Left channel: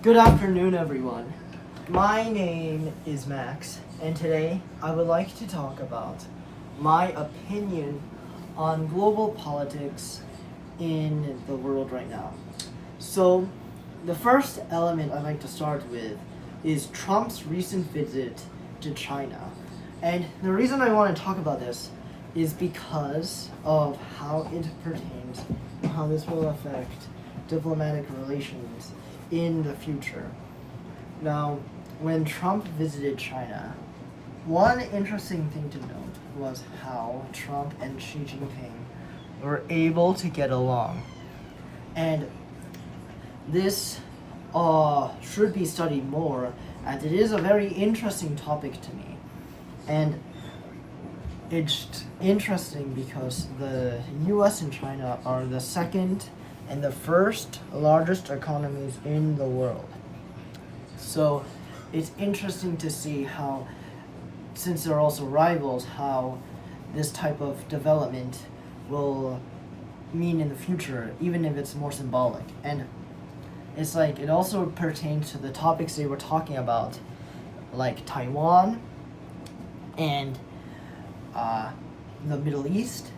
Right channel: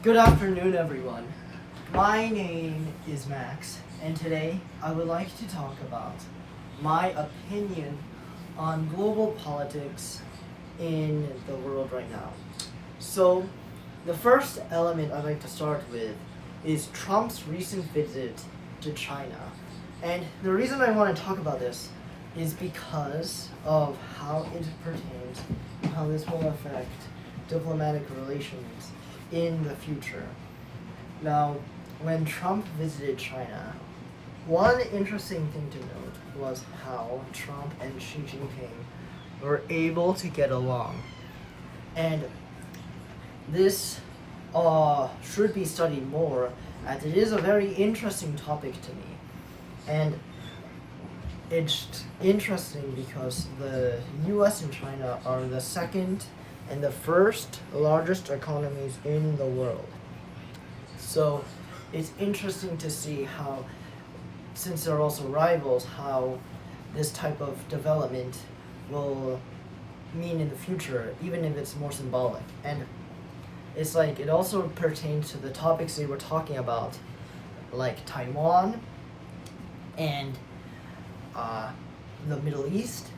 Good afternoon, everyone. My name is Max, and today I would like to talk about my opinion on global politics in the world right now. So, the first element I'd like to start with is Trump's recent visit to China. And the reason I want to talk about this is because of how it pertains, how this will affect diplomatic relations in the future. Now, when Trump visited China, one interesting thing to note was how Trump and Xi Jinping were able to get along. And this should be studied more, as it is a very interesting topic to me. And it's interesting because the US and China are the second and the first largest economies in the world. So it's interesting to see how, since they're also rivals, how this type of development will mean in the future, even if it's more symbolic. And it's like it also pertains to the topics they were talking about, like Taiwan and the Middle East.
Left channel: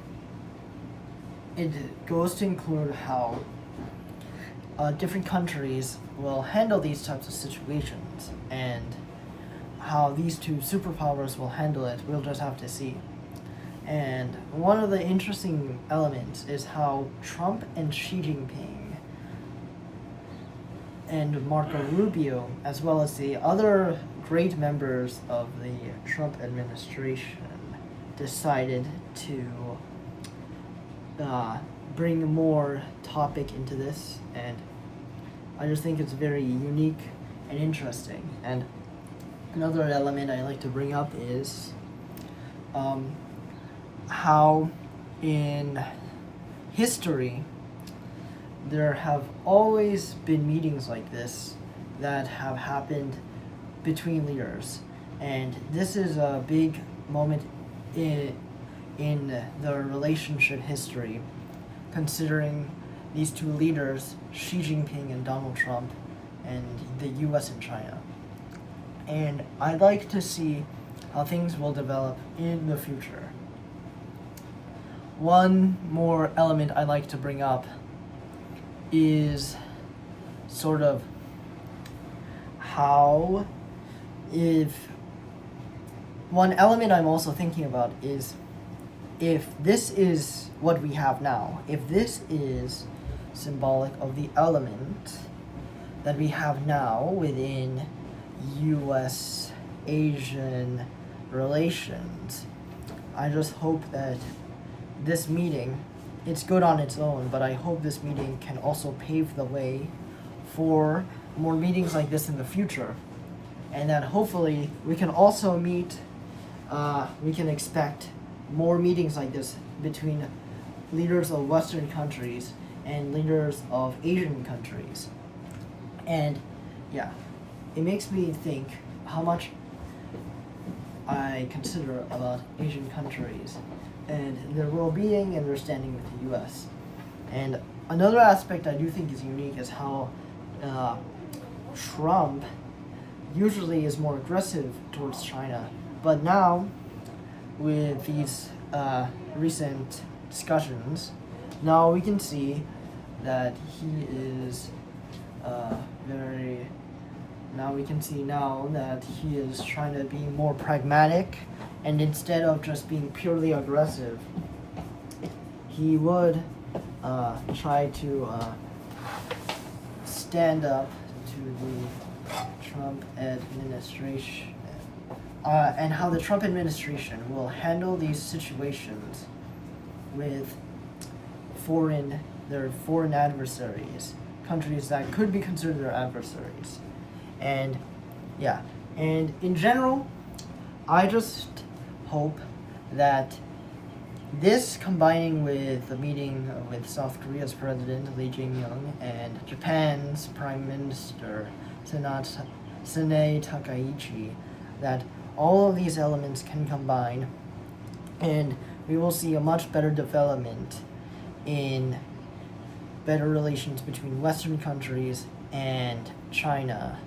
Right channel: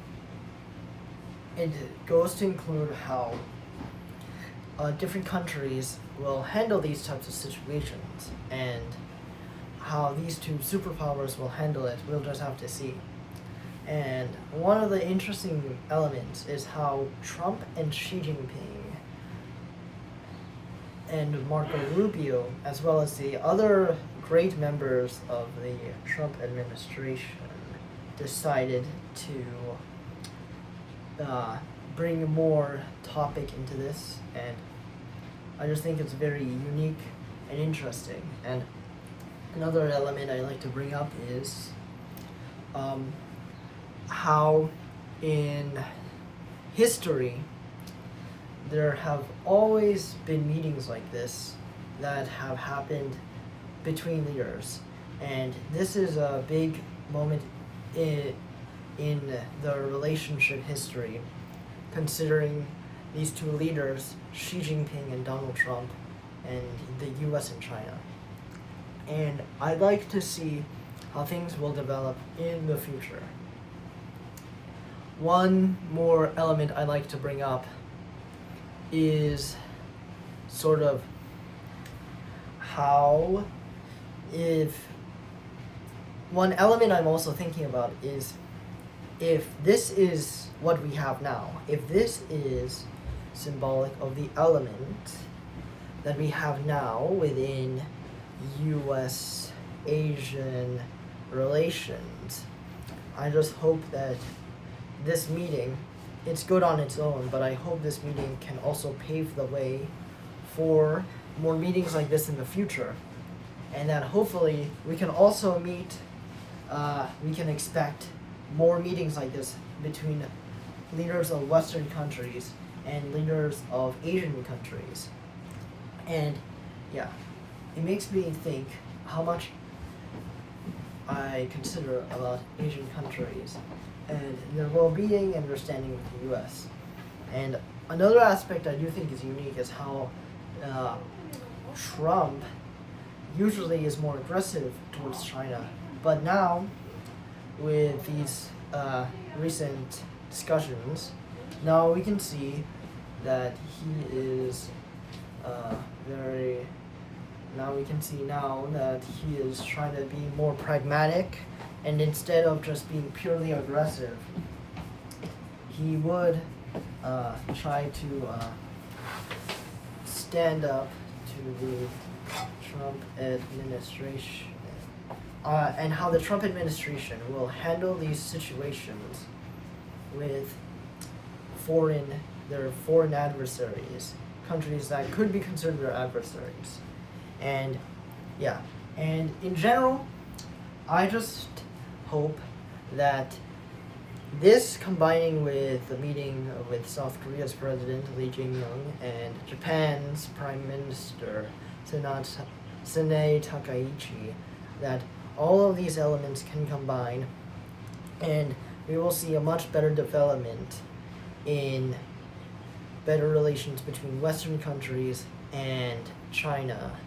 It goes to include how different countries will handle these types of situations, and how these two superpowers will handle it, we'll just have to see. And one of the interesting elements is how Trump and Xi Jinping and Marco Rubio, as well as the other great members of the Trump administration, decided to bring more topic into this, and I just think it's very unique and interesting. And another element I like to bring up is how in history there have always been meetings like this that have happened between leaders, and this is a big moment in the relationship history, considering these two leaders, Xi Jinping and Donald Trump, and the US and China. And I'd like to see how things will develop in the future. One more element I'd like to bring up is sort of how, if one element I'm also thinking about is, if this is what we have now, if this is symbolic of the element that we have now within US-Asian relations, I just hope that this meeting, it's good on its own, but I hope this meeting can also pave the way for more meetings like this in the future, and that hopefully we can also we can expect more meetings like this between leaders of Western countries and leaders of Asian countries. And yeah, it makes me think how much I consider about Asian countries and their well-being and their standing with the US. And another aspect I do think is unique is how Trump usually is more aggressive towards China, but now with these recent discussions, now we can see that he is he is trying to be more pragmatic, and instead of just being purely aggressive, he would try to stand up to the Trump administration, and how the Trump administration will handle these situations with their foreign adversaries, countries that could be considered their adversaries. And yeah, and in general, I just hope that this, combining with the meeting with South Korea's President Lee Jae-myung and Japan's Prime Minister Sanae Takaichi, that all of these elements can combine, and we will see a much better development in better relations between Western countries and China. China